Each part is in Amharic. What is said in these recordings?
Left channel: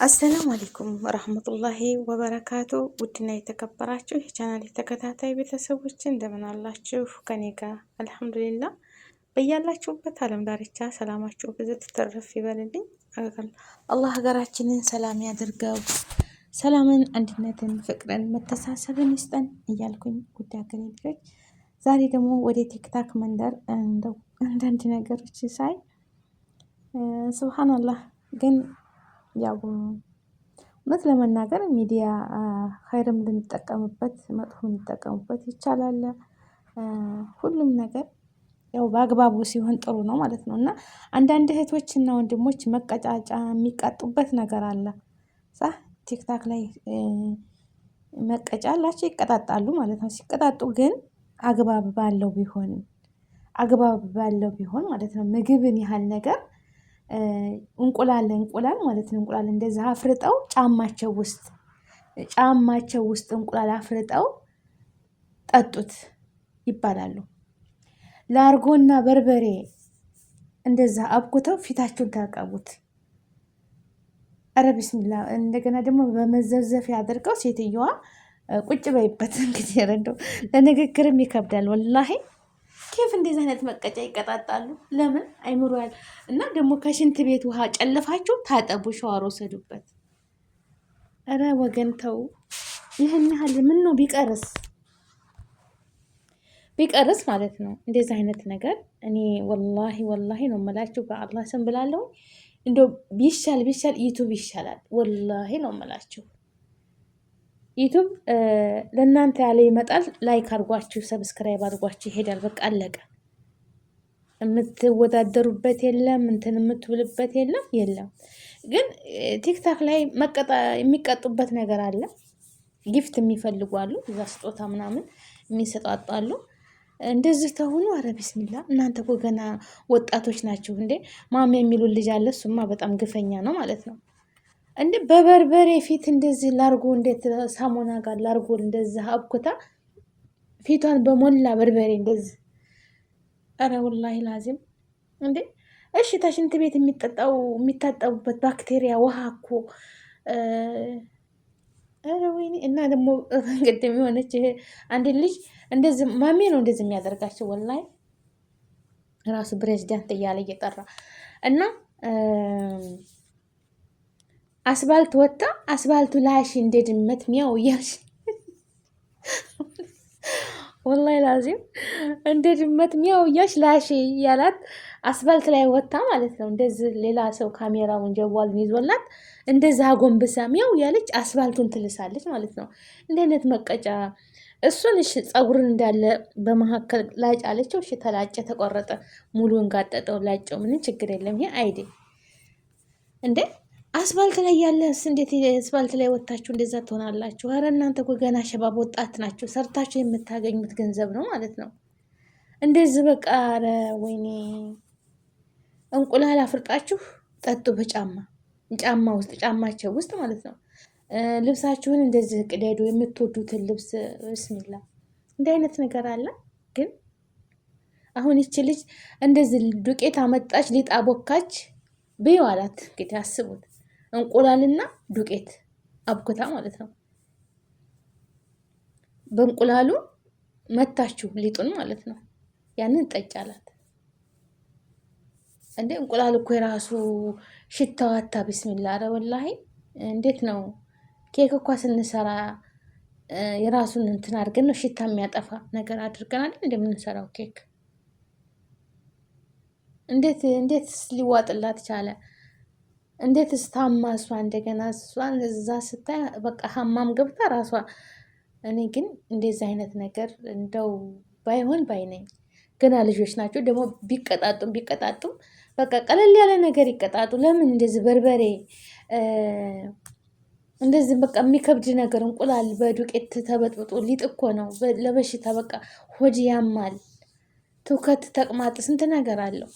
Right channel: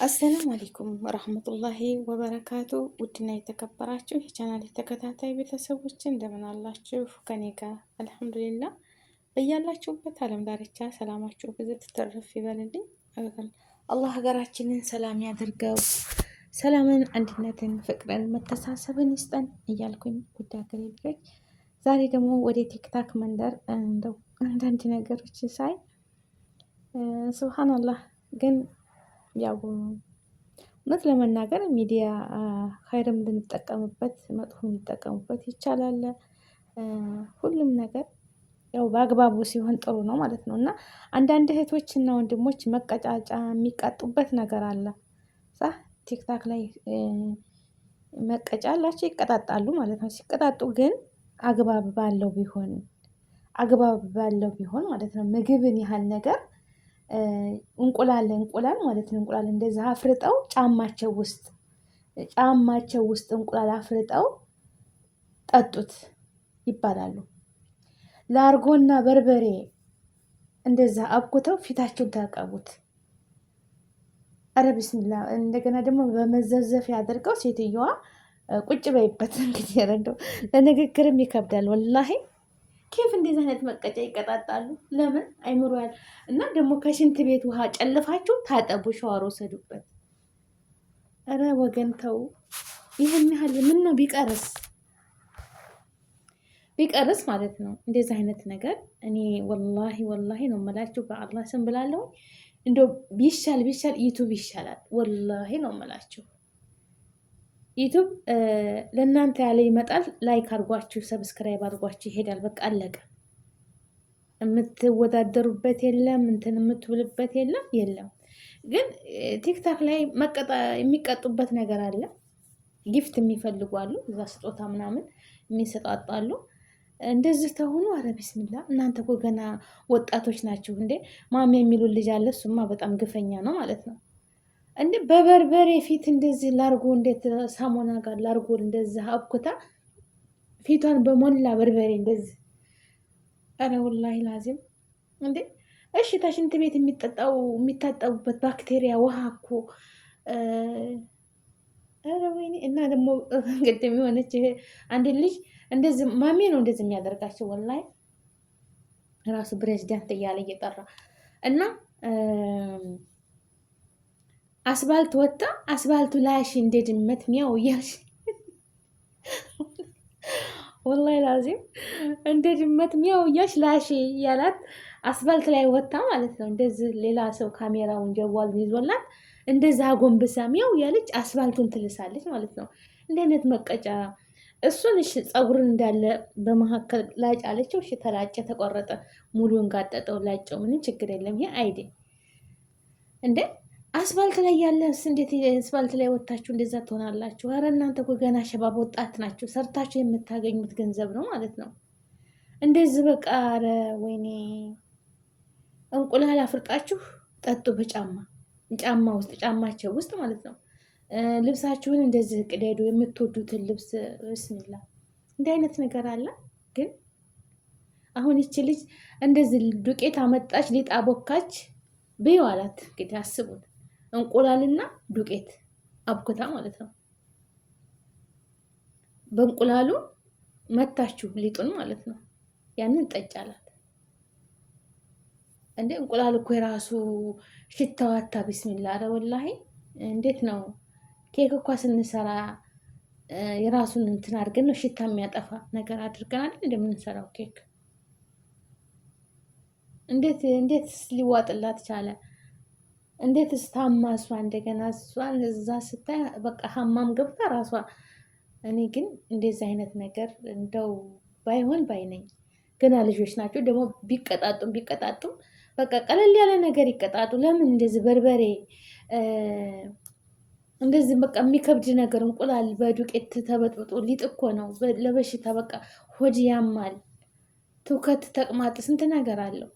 አሰላሙ አለይኩም ወራህመቱላሂ ወበረካቱ። ውድና የተከበራችሁ የቻናል ተከታታይ ቤተሰቦች እንደምን አላችሁ? ከኔ ጋር አልሐምዱሊላህ። በያላችሁበት ዓለም ዳርቻ ሰላማችሁ ብዙ ትተርፍ ይበልልኝ። አላህ ሀገራችንን ሰላም ያደርገው። ሰላምን፣ አንድነትን፣ ፍቅርን፣ መተሳሰብን ይስጠን እያልኩኝ ውድ ሀገሬ ልጆች ዛሬ ደግሞ ወደ ቲክታክ መንደር እንደው አንዳንድ ነገሮች ሳይ ሱብሃንአላህ ግን ያው እውነት ለመናገር ሚዲያ ኸይርም ልንጠቀምበት መጥፎም ልንጠቀምበት ይቻላል። ሁሉም ነገር ያው በአግባቡ ሲሆን ጥሩ ነው ማለት ነው። እና አንዳንድ እህቶች እና ወንድሞች መቀጫጫ የሚቀጡበት ነገር አለ። ሳ ቲክታክ ላይ መቀጫ አላቸው ይቀጣጣሉ ማለት ነው። ሲቀጣጡ ግን አግባብ ባለው ቢሆን ማለት ነው። ምግብን ያህል ነገር እንቁላል ማለት ነው። እንቁላል እንደዛ አፍርጠው ጫማቸው ውስጥ እንቁላል አፍርጠው ጠጡት ይባላሉ። ላርጎና በርበሬ እንደዛ አብኩተው ፊታቸውን ታቀቡት። አረ ቢስሚላ። እንደገና ደግሞ በመዘፍዘፊያ አድርገው ሴትየዋ ቁጭ በይበት። እንግዲህ ረንዶ ለንግግርም ይከብዳል ወላሂ። ኬፍ እንደዚህ አይነት መቀጫ ይቀጣጣሉ? ለምን አይምሮ ያል እና ደግሞ ከሽንት ቤት ውሃ ጨልፋችሁ ታጠቡ፣ ሸዋር ወሰዱበት። እረ ወገን ተው። ይህን ያህል ምን ነው ቢቀርስ ማለት ነው እንደዚህ አይነት ነገር። እኔ ወላሂ ነው የምላችሁ፣ በአላህ ስም ብላለሁ። እንደው ቢሻል ዩቱብ ይሻላል። ወላሂ ነው የምላችሁ። ዩቱብ ለእናንተ ያለ ይመጣል። ላይክ አድርጓችሁ ሰብስክራይብ አድርጓችሁ ይሄዳል። በቃ አለቀ። የምትወዳደሩበት የለም፣ እንትን የምትውልበት የለም። ግን ቲክታክ ላይ የሚቀጡበት ነገር አለ። ጊፍት የሚፈልጉ አሉ፣ እዛ ስጦታ ምናምን የሚሰጣጣሉ። እንደዚህ ተሆኑ አረ ቢስሚላ። እናንተ እኮ ገና ወጣቶች ናችሁ እንዴ። ማሚ የሚሉን ልጅ አለ። እሱማ በጣም ግፈኛ ነው ማለት ነው። እንዴ በበርበሬ ፊት እንደዚህ ላርጎ፣ እንዴት ሳሙና ጋር ላርጎ እንደዚህ አብኩታ ፊቷን በሞላ በርበሬ እንደዚህ። አረ ወላሂ ላዚም እንዴ። እሺ ተሽንት ቤት የሚታጠቡበት ባክቴሪያ ውሃ እኮ አረ ወይኔ። እና ደግሞ ቅድም የሆነች አንድ ልጅ እንደዚህ ማሜ ነው እንደዚህ የሚያደርጋቸው ወላሂ ራሱ ፕሬዚዳንት እያለ እየጠራ እና አስባልት ወጣ። አስባልቱ ላሽ እንደ ድመት ሚያው እያልሽ ወላሂ ላዚም እንደ ድመት ሚያው እያልሽ ላሽ እያላት አስባልት ላይ ወጣ ማለት ነው። እንደዚህ ሌላ ሰው ካሜራውን ጀዋሉን ይዞላት እንደዛ አጎንብሳ ሚያው ያለች አስባልቱን ትልሳለች ማለት ነው። እንደ አይነት መቀጫ እሱን እሺ፣ ፀጉርን እንዳለ በመካከል ላጭ አለችው። እሺ ተላጨ፣ ተቆረጠ፣ ሙሉን ጋጠጠው፣ ላጨው፣ ምንም ችግር የለም። ይሄ አይዴ እንዴ አስፋልት ላይ ያለስ እንዴት አስፋልት ላይ ወጣችሁ እንደዛ ትሆናላችሁ? አረ እናንተ እኮ ገና ሸባብ ወጣት ናችሁ። ሰርታችሁ የምታገኙት ገንዘብ ነው ማለት ነው። እንደዚህ በቃ አረ ወይኔ። እንቁላል አፍርጣችሁ ጠጡ ጫማቸው ውስጥ ማለት ነው። ልብሳችሁን እንደዚህ ቅደዱ፣ የምትወዱትን ልብስ። ብስሚላ እንዲህ አይነት ነገር አለ። ግን አሁን ይቺ ልጅ እንደዚህ ዱቄት አመጣች፣ ሊጣ ቦካች በይው አላት። እንግዲህ አስቡት፣ እንቁላልና ዱቄት አብኩታ ማለት ነው። በእንቁላሉ መታችሁ ሊጡን ማለት ነው። ያንን ጠጭ አላት። እንዴ እንቁላል እኮ የራሱ ሽታዋታ ቢስሚላ። አረ ወላሂ እንዴት ነው ኬክ እኳ ስንሰራ የራሱን እንትን አድርገን ነው ሽታ የሚያጠፋ ነገር አድርገናል እንደምንሰራው ኬክ። እንዴት ሊዋጥላት ቻለ? እንዴት ስታማ እሷ እንደገና እሷን እዛ ስታይ በቃ ሀማም ገብታ ራሷ። እኔ ግን እንደዚህ አይነት ነገር እንደው ባይሆን ባይነኝ። ገና ልጆች ናቸው ደግሞ ቢቀጣጡም በቃ ቀለል ያለ ነገር ይቀጣጡ። ለምን እንደዚህ በርበሬ እንደዚህ በቃ የሚከብድ ነገር እንቁላል በዱቄት ተበጥብጦ ሊጥ እኮ ነው ለበሽታ። በቃ ሆድ ያማል፣ ትውከት፣ ተቅማጥ፣ ስንት ነገር አለው።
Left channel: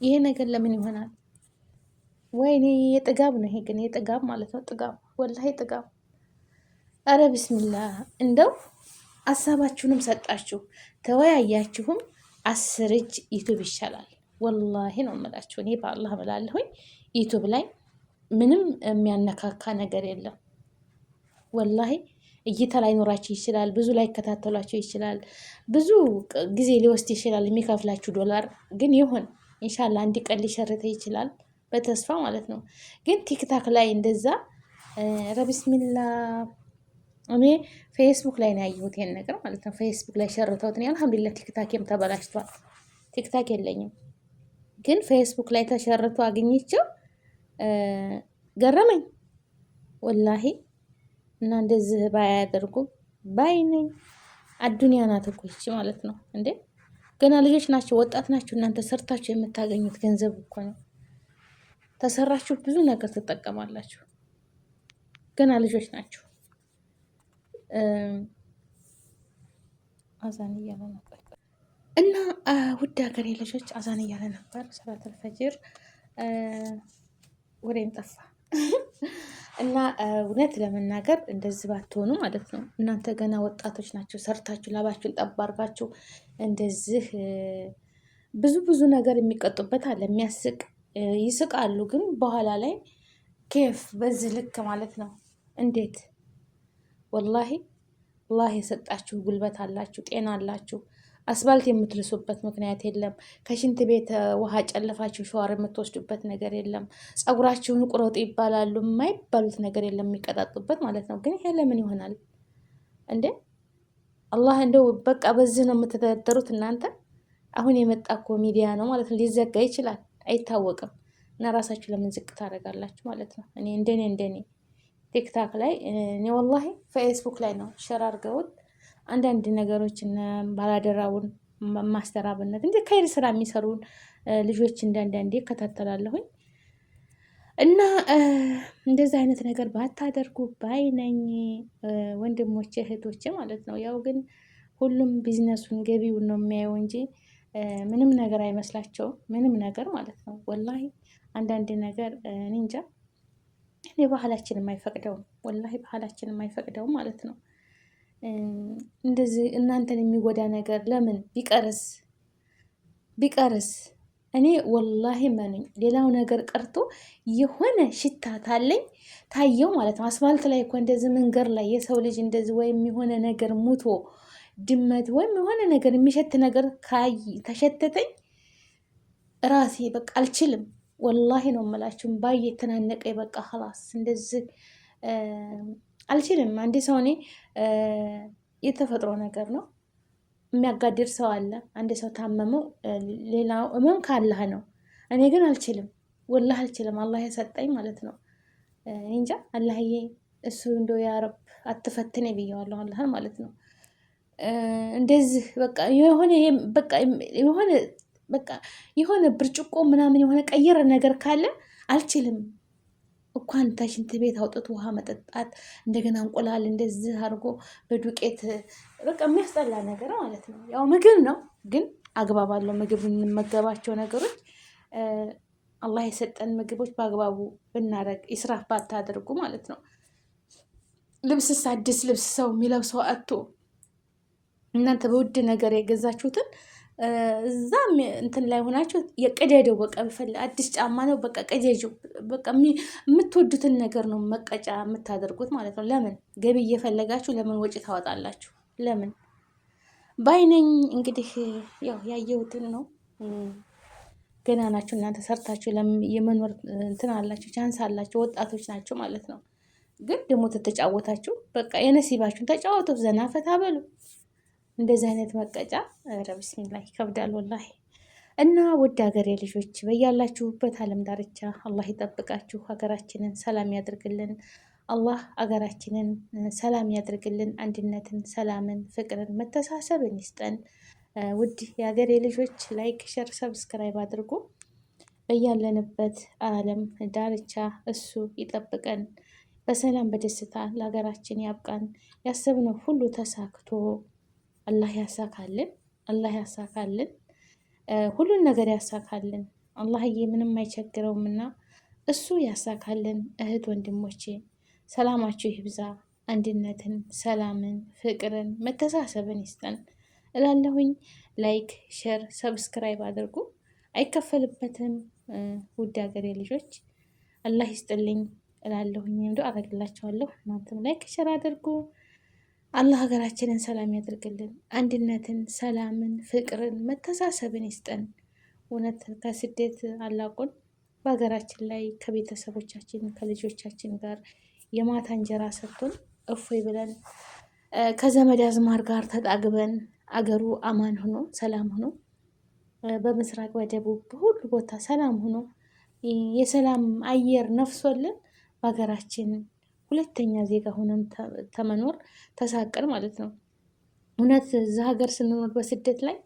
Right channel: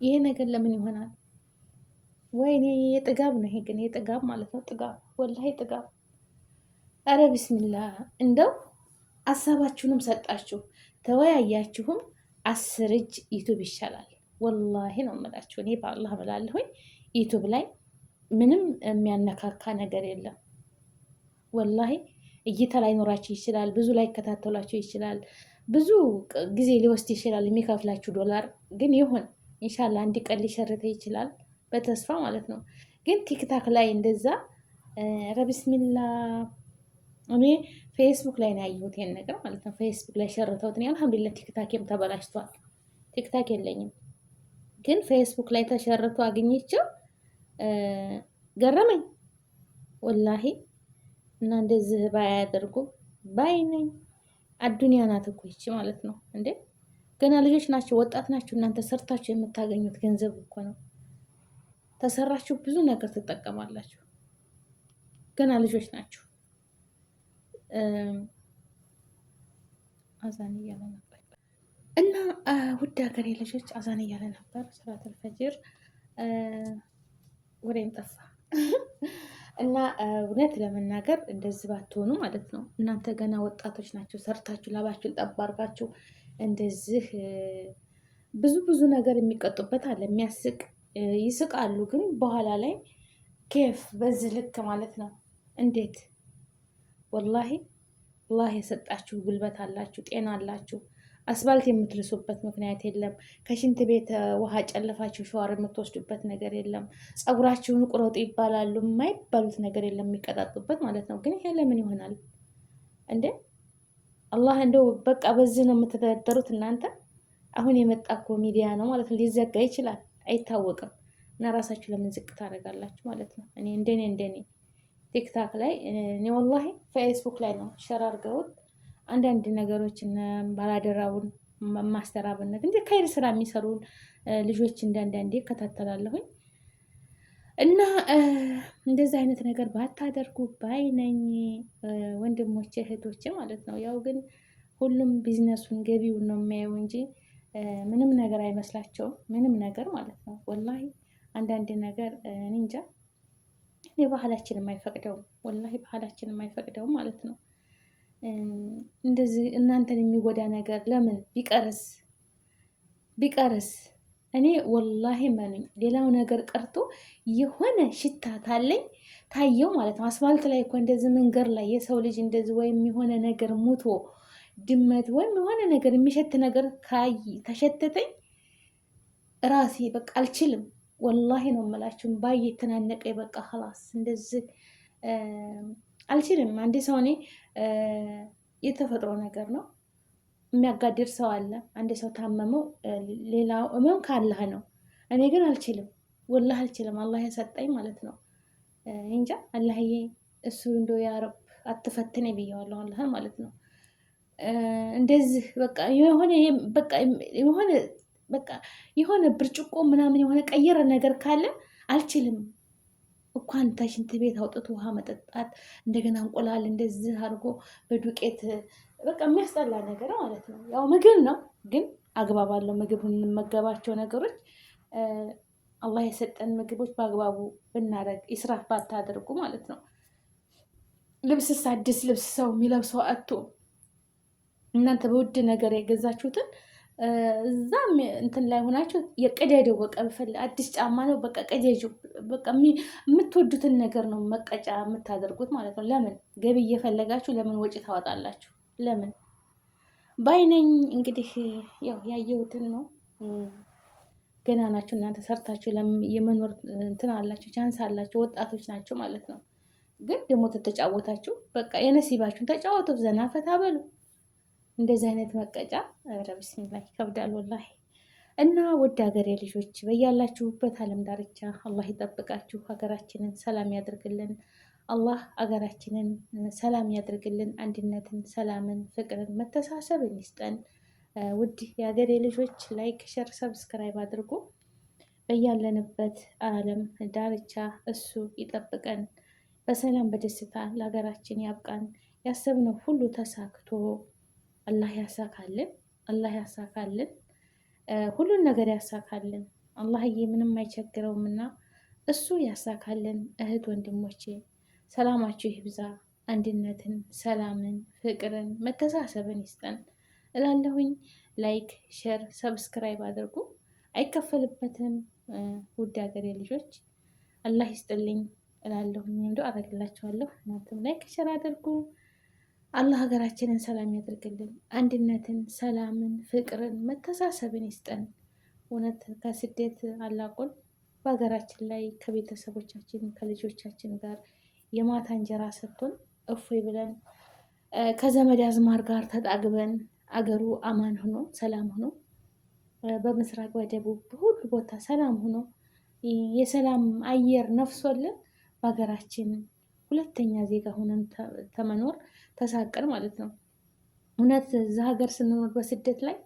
ይሄ ነገር ለምን ይሆናል? ወይኔ የጥጋብ ነው ይሄ። ግን የጥጋብ ማለት ነው። ጥጋብ ወላሂ ጥጋብ። አረ ቢስሚላ። እንደው ሀሳባችሁንም ሰጣችሁ ተወያያችሁም 10 እጅ ዩቱብ ይሻላል። ወላሂ ነው የምላችሁ። እኔ በአላህ ብላለሁኝ ዩቱብ ላይ ምንም የሚያነካካ ነገር የለም። ወላሂ እይታ ላይኖራቸው ይችላል። ብዙ ላይከታተሏቸው ይችላል። ብዙ ጊዜ ሊወስድ ይችላል የሚከፍላችሁ ዶላር። ግን ይሁን ኢንሻላህ አንድ ቀን ሊሸርተ ይችላል በተስፋ ማለት ነው። ግን ቲክታክ ላይ እንደዛ ረቢስሚላ እኔ ፌስቡክ ላይ ነው ያየሁት ይሄን ነገር ማለት ነው። ፌስቡክ ላይ ሸርተውት ነው። አልሐምዱሊላህ ቲክታክም ተበላሽቷል። ቲክታክ የለኝም፣ ግን ፌስቡክ ላይ ተሸርቶ አግኝቼው ገረመኝ ወላሂ። እና እንደዚህ ባያደርጉ ባይ ነኝ። አዱንያ ናት እኮ ይቺ ማለት ነው እንዴ። ገና ልጆች ናቸው፣ ወጣት ናቸው። እናንተ ሰርታችሁ የምታገኙት ገንዘብ እኮ ነው። ተሰራችሁ ብዙ ነገር ትጠቀማላችሁ። ገና ልጆች ናቸው። አዛን እያለ ነበር እና ውድ ሀገሬ ልጆች አዛን እያለ ነበር። ሰላተል ፈጅር ወሬም ጠፋ እና እውነት ለመናገር እንደዚህ ባትሆኑ ማለት ነው። እናንተ ገና ወጣቶች ናቸው። ሰርታችሁ ላባችሁን ጠብ አድርጋችሁ እንደዚህ ብዙ ነገር የሚቀጡበት አለ። የሚያስቅ ይስቃሉ፣ ግን በኋላ ላይ ኬፍ በዚህ ልክ ማለት ነው። እንዴት ወላሂ አላህ የሰጣችሁ ጉልበት አላችሁ፣ ጤና አላችሁ። አስፋልት የምትልሱበት ምክንያት የለም። ከሽንት ቤት ውሃ ጨልፋችሁ ሸዋር የምትወስዱበት ነገር የለም። ፀጉራችሁን ቁረጡ ይባላሉ፣ የማይባሉት ነገር የለም የሚቀጣጡበት ማለት ነው። ግን ይሄ ለምን ይሆናል እንዴ? አላህ እንደው በቃ በዚህ ነው የምትተዳደሩት እናንተ። አሁን የመጣ እኮ ሚዲያ ነው ማለት ነው። ሊዘጋ ይችላል አይታወቅም። እና ራሳችሁ ለምን ዝቅ ታደርጋላችሁ ማለት ነው። እኔ እንደኔ ቲክታክ ላይ እኔ ወላሂ ፌስቡክ ላይ ነው ሸር አድርገውት አንዳንድ ነገሮችን ባላደራውን ማስተራብነት እንደ ከይር ስራ የሚሰሩን ልጆች እንዳንዳንዴ እከታተላለሁኝ። እና እንደዚህ አይነት ነገር ባታደርጉ ባይ ነኝ ወንድሞቼ እህቶቼ ማለት ነው። ያው ግን ሁሉም ቢዝነሱን ገቢውን ነው የሚያየው እንጂ ምንም ነገር አይመስላቸውም። ምንም ነገር ማለት ነው። ወላሂ አንዳንድ ነገር እኔ እንጃ፣ እኔ ባህላችን የማይፈቅደውም ወላሂ ባህላችን የማይፈቅደውም ማለት ነው። እንደዚህ እናንተን የሚጎዳ ነገር ለምን ቢቀርስ እኔ ወላሂ መኑኝ፣ ሌላው ነገር ቀርቶ የሆነ ሽታ ታየው ማለት ነው። አስፋልት ላይ እኮ እንደዚህ መንገድ ላይ የሰው ልጅ እንደዚህ ወይም የሆነ ነገር ሙቶ ድመት ወይም የሆነ ነገር የሚሸት ነገር ተሸተተኝ ራሴ በቃ አልችልም። ወላሂ ነው የምላችሁ። ባይ የተናነቀኝ በቃ ኸላስ እንደዚህ አልችልም። አንዴ ሰው እኔ የተፈጥሮ ነገር ነው የሚያጋድር ሰው አለ። አንድ ሰው ታመመው ሌላው እመም ካለህ ነው። እኔ ግን አልችልም፣ ወላሂ አልችልም። አላህ የሰጠኝ ማለት ነው። እንጃ አላህዬ እሱ እንደው ያ ረብ አትፈትኔ ብየዋለሁ አላህን ማለት ነው። እንደዚህ በቃ የሆነ ብርጭቆ ምናምን የሆነ ቀየረ ነገር ካለ አልችልም። እንኳን ተሽንት ቤት አውጥቶ ውሃ መጠጣት፣ እንደገና እንቁላል እንደዚህ አድርጎ በዱቄት በቃ የሚያስጠላ ነገር ማለት ነው። ያው ምግብ ነው፣ ግን አግባብ አለው ምግብ የምንመገባቸው ነገሮች። አላህ የሰጠን ምግቦች በአግባቡ ብናደርግ፣ ኢስራፍ ባታደርጉ ማለት ነው። ልብስስ አዲስ ልብስ ሰው የሚለብሰው አቶ እናንተ በውድ ነገር የገዛችሁትን እዛም እንትን ላይ ሆናችሁ የቀደደው በቃ አዲስ ጫማ ነው በቃ ቀደጁ በቃ የምትወዱትን ነገር ነው መቀጫ የምታደርጉት ማለት ነው። ለምን ገቢ እየፈለጋችሁ ለምን ወጪ ታወጣላችሁ? ለምን ባይነኝ። እንግዲህ ያው ያየሁትን ነው። ገና ናችሁ እናንተ ሰርታችሁ የመኖር እንትን አላችሁ፣ ቻንስ አላችሁ፣ ወጣቶች ናቸው ማለት ነው። ግን ደግሞ ተተጫወታችሁ በቃ የነሲባችሁን ተጫወቱ፣ ዘና ፈታ በሉ። እንደዚህ አይነት መቀጫ ኧረ ቢስሚላህ ይከብዳል ወላሂ። እና ውድ ሀገሬ ልጆች በያላችሁበት ዓለም ዳርቻ አላህ ይጠብቃችሁ፣ ሀገራችንን ሰላም ያድርግልን። አላህ ሀገራችንን ሰላም ያድርግልን። አንድነትን፣ ሰላምን፣ ፍቅርን፣ መተሳሰብን ይስጠን። ውድ የሀገሬ ልጆች ላይክ፣ ሸር፣ ሰብስክራይብ አድርጉ። በያለንበት ዓለም ዳርቻ እሱ ይጠብቀን። በሰላም በደስታ ለሀገራችን ያብቃን። ያሰብነው ሁሉ ተሳክቶ አላህ ያሳካልን። አላህ ያሳካልን። ሁሉን ነገር ያሳካልን። አላህዬ ምንም አይቸግረውምና እሱ ያሳካልን። እህት ወንድሞቼ ሰላማችሁ ይብዛ። አንድነትን፣ ሰላምን፣ ፍቅርን፣ መተሳሰብን ይስጠን እላለሁኝ። ላይክ፣ ሼር፣ ሰብስክራይብ አድርጉ። አይከፈልበትም። ውድ ሀገሬ ልጆች አላህ ይስጥልኝ እላለሁኝ። ዱአ አደርግላችኋለሁ። እናንተም ላይክ ሸር አድርጉ። አላህ ሀገራችንን ሰላም ያደርግልን። አንድነትን፣ ሰላምን፣ ፍቅርን፣ መተሳሰብን ይስጠን። እውነት ከስደት አላቁን በሀገራችን ላይ ከቤተሰቦቻችን ከልጆቻችን ጋር የማታ እንጀራ ሰጥቶን እፎይ ብለን ከዘመድ አዝማር ጋር ተጣግበን አገሩ አማን ሆኖ ሰላም ሆኖ በምስራቅ በደቡብ በሁሉ ቦታ ሰላም ሆኖ የሰላም አየር ነፍሶልን በሀገራችን ሁለተኛ ዜጋ ሆነን ተመኖር ተሳቀን ማለት ነው። እውነት እዛ ሀገር ስንኖር በስደት ላይ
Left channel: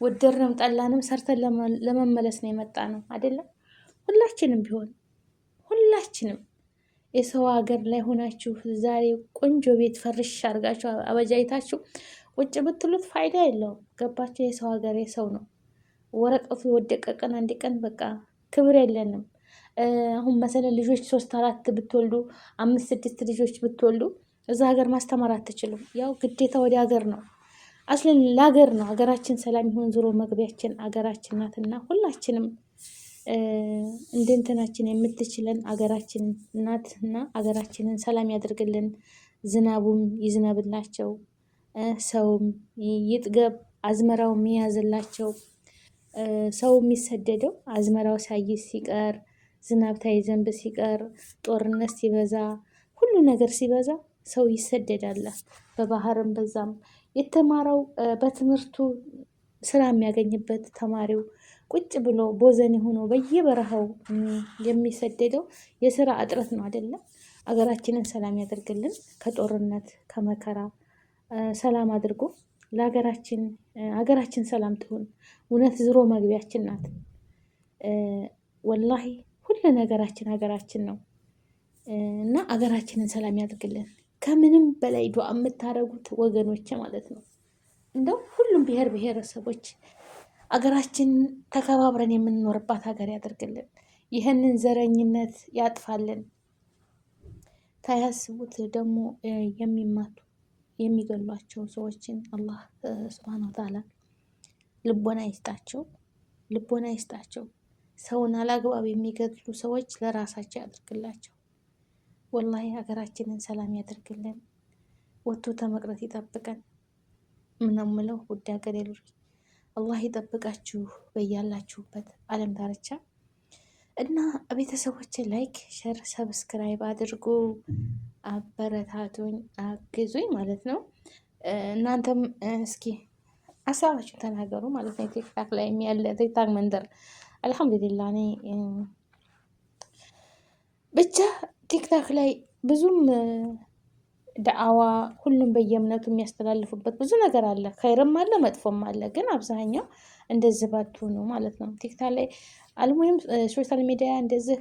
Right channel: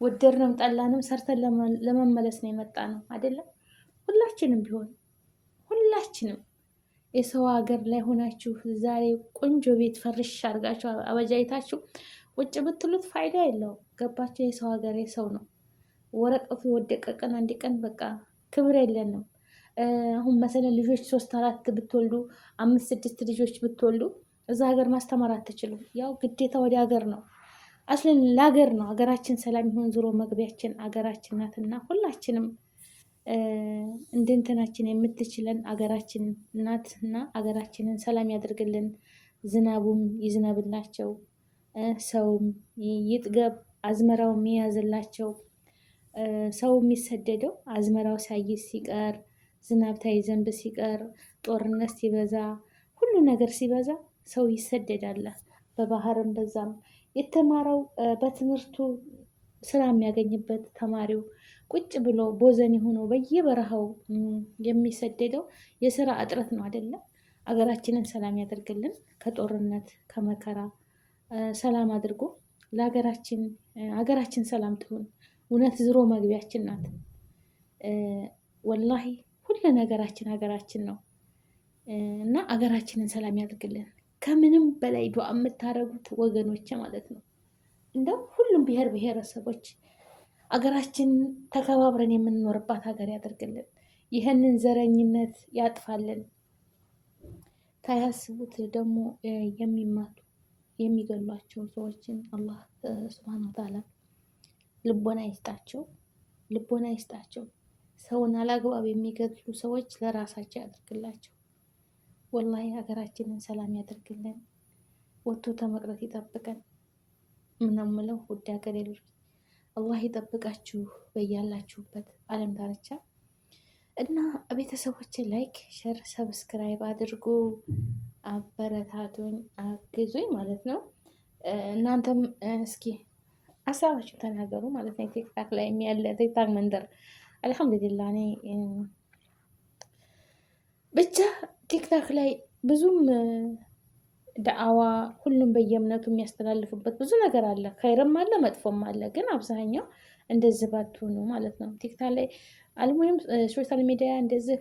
ወደድንም ጠላንም ሰርተን ለመመለስ ነው የመጣ ነው አይደለም። ሁላችንም ቢሆን ሁላችንም የሰው ሀገር ላይ ሆናችሁ ዛሬ ቆንጆ ቤት ፈርሽ አድርጋችሁ አበጃይታችሁ ቁጭ ብትሉት ፋይዳ የለውም። ገባችሁ? የሰው ሀገር የሰው ነው። ወረቀቱ የወደቀ ቀን አንድ ቀን በቃ ክብር የለንም። አሁን መሰለ ልጆች 3 4 ብትወልዱ 5 6 ልጆች ብትወልዱ እዛ ሀገር ማስተማር አትችሉም። ያው ግዴታ ወደ ሀገር ነው አስለን ለሀገር ነው። ሀገራችን ሰላም ይሆን ዞሮ መግቢያችን ሀገራችን ናትና ሁላችንም እንደ እንትናችን የምትችለን ሀገራችን ናትና ሀገራችንን ሰላም ያደርግልን። ዝናቡም ይዝነብላቸው፣ ሰውም ይጥገብ፣ አዝመራው የሚያዝላቸው። ሰው የሚሰደደው አዝመራው ሳይዝ ሲቀር፣ ዝናብ ሳይዘንብ ሲቀር፣ ጦርነት ሲበዛ፣ ሁሉ ነገር ሲበዛ ሰው ይሰደዳል። በባህርም በዛም የተማረው በትምህርቱ ስራ የሚያገኝበት ተማሪው ቁጭ ብሎ ቦዘን ሆኖ በየበረሃው የሚሰደደው የስራ እጥረት ነው አይደለም። አገራችንን ሰላም ያደርግልን። ከጦርነት ከመከራ ሰላም አድርጎ ለሀገራችን ሀገራችን ሰላም ትሆን። እውነት ዝሮ መግቢያችን ናት። ወላሂ ሁሉ ነገራችን ሀገራችን ነው እና ሀገራችንን ሰላም ያደርግልን። ከምንም በላይ ዱዓ የምታደርጉት ወገኖች ማለት ነው። እንደው ሁሉም ብሔር ብሔረሰቦች አገራችን ተከባብረን የምንኖርባት ሀገር ያደርግልን። ይህንን ዘረኝነት ያጥፋልን። ታያስቡት ደግሞ የሚማቱ የሚገሏቸው ሰዎችን አላህ ሱብሃነሁ ወተዓላ ልቦና ይስጣቸው፣ ልቦና ይስጣቸው። ሰውን አላግባብ የሚገድሉ ሰዎች ለራሳቸው ያደርግላቸው። ወላሂ ሀገራችንን ሰላም ያደርግልን። ወጥቶ ተመቅረት ይጠብቀን። ምናምለው ውድ ሀገሬ ልጆች አላህ ይጠብቃችሁ በያላችሁበት ዓለም ዳርቻ እና ቤተሰቦች ላይክ፣ ሸር፣ ሰብስክራይብ አድርጉ። አበረታቱኝ፣ አግዙኝ ማለት ነው። እናንተም እስኪ ሀሳባችሁ ተናገሩ ማለት ነው። ቲክታክ ላይ ያለ ቲክታክ መንደር አልሐምዱሊላህ እኔ ብቻ ቲክታክ ላይ ብዙም ዳዕዋ ሁሉም በየእምነቱ የሚያስተላልፉበት ብዙ ነገር አለ። ኸይርም አለ መጥፎም አለ። ግን አብዛኛው እንደዚህ ባትሆኑ ማለት ነው። ቲክታክ ላይ አልሙሂም ሶሻል ሚዲያ እንደዚህ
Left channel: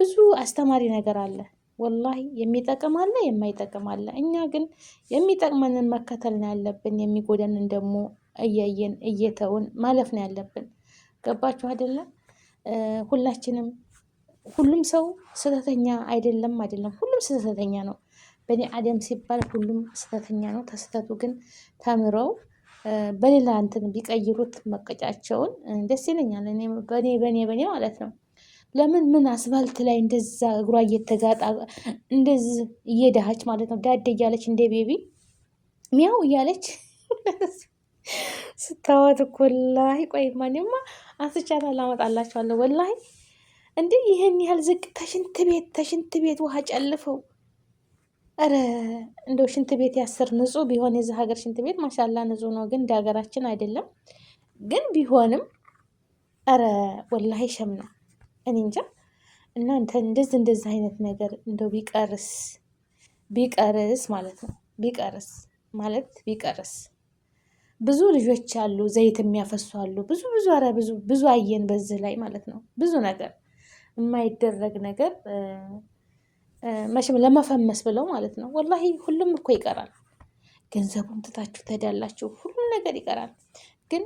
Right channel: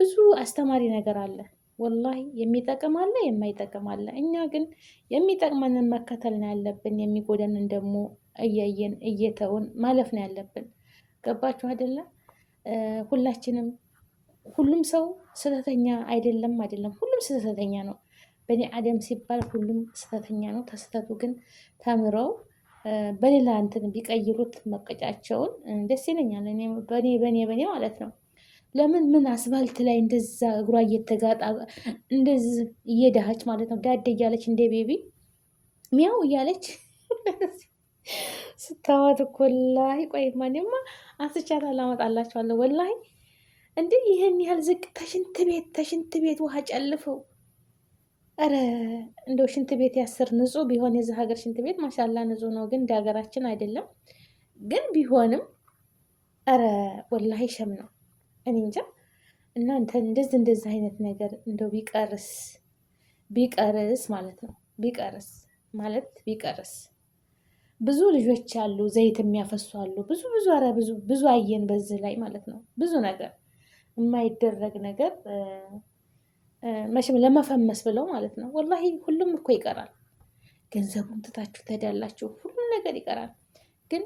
ብዙ አስተማሪ ነገር አለ። ወላሂ የሚጠቅም አለ፣ የማይጠቅም አለ። እኛ ግን የሚጠቅመንን መከተል ነው ያለብን። የሚጎደንን ደግሞ እያየን እየተውን ማለፍ ነው ያለብን። ገባችሁ አይደለም? ሁላችንም ሁሉም ሰው ስህተተኛ አይደለም፣ ሁሉም ስህተተኛ ነው። በኔ አደም ሲባል ሁሉም ስህተተኛ ነው። ተስህተቱ ግን ተምረው በሌላ እንትን ቢቀይሩት መቀጫቸውን ደስ ይለኛል። እኔ በኔ ማለት ነው። ለምን ምን አስፋልት ላይ እንደዛ እግሯ እየተጋጣ እንደዚህ እየዳሃች ማለት ነው። ዳደ እያለች እንደ ቤቢ ሚያው እያለች ስታዋት እኮ ወላሂ ቆይ ማንማ አስቻላ ላመጣላችኋለሁ። ወላሂ እንዴ ይሄን ያህል ዝቅ ተሽንት ቤት ውሃ ጨልፈው። አረ እንደው ሽንት ቤት ያስር ንጹህ ቢሆን የዚህ ሀገር ሽንት ቤት ማሻላ ንጹህ ነው፣ ግን እንደ ሀገራችን አይደለም። ግን ቢሆንም አረ ወላሂ ሸም ነው። እኔ እንጃ እናንተ እንደዚህ አይነት ነገር እንደው ቢቀርስ ማለት ነው። ቢቀርስ ብዙ ልጆች አሉ፣ ዘይት የሚያፈሱ አሉ። ብዙ አየን በዚህ ላይ ማለት ነው። ብዙ ነገር የማይደረግ ነገር መቼም ለመፈመስ ብለው ማለት ነው። ወላሂ ሁሉም እኮ ይቀራል። ገንዘቡን ትታችሁ ትሄዳላችሁ፣ ሁሉም ነገር ይቀራል። ግን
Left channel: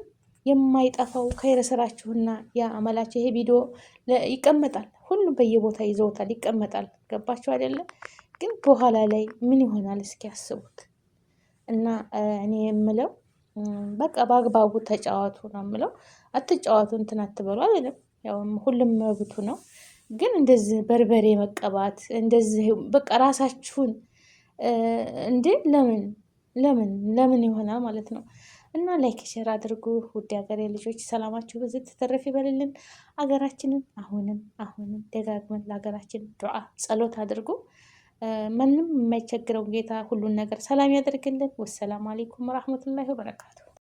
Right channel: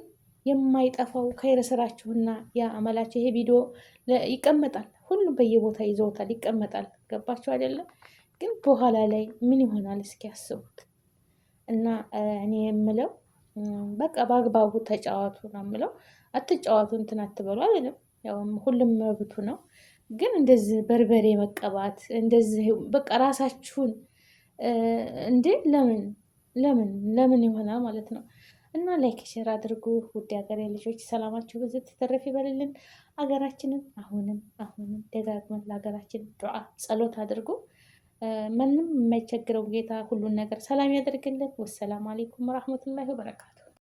የማይጠፋው ከይረ ስራችሁና ያ አመላችሁ ይሄ ቪዲዮ ይቀመጣል። ሁሉም በየቦታ ይዘውታል፣ ይቀመጣል። ገባችሁ አይደለም? ግን በኋላ ላይ ምን ይሆናል እስኪ ያስቡት። እና እኔ የምለው በቃ በአግባቡ ተጫዋቱ ነው የምለው። አትጫዋቱ እንትን አትበሉ አይደለም። ያው ሁሉም መብቱ ነው። ግን እንደዚህ በርበሬ መቀባት እንደዚህ በቃ ራሳችሁን እንዴ ለምን ለምን ለምን ይሆናል ማለት ነው። እና ላይክ ሼር አድርጉ። ውድ ሀገሬ ልጆች ሰላማችሁ በዚህ ተተረፍ ይበልልን። ሀገራችንን አሁንም ደጋግመን ለሀገራችን ዱዓ ጸሎት አድርጉ። ምንም የማይቸግረው ጌታ ሁሉን ነገር ሰላም ያደርግልን። ወሰላም አሌይኩም ወራህመቱላሂ ወበረካቱ።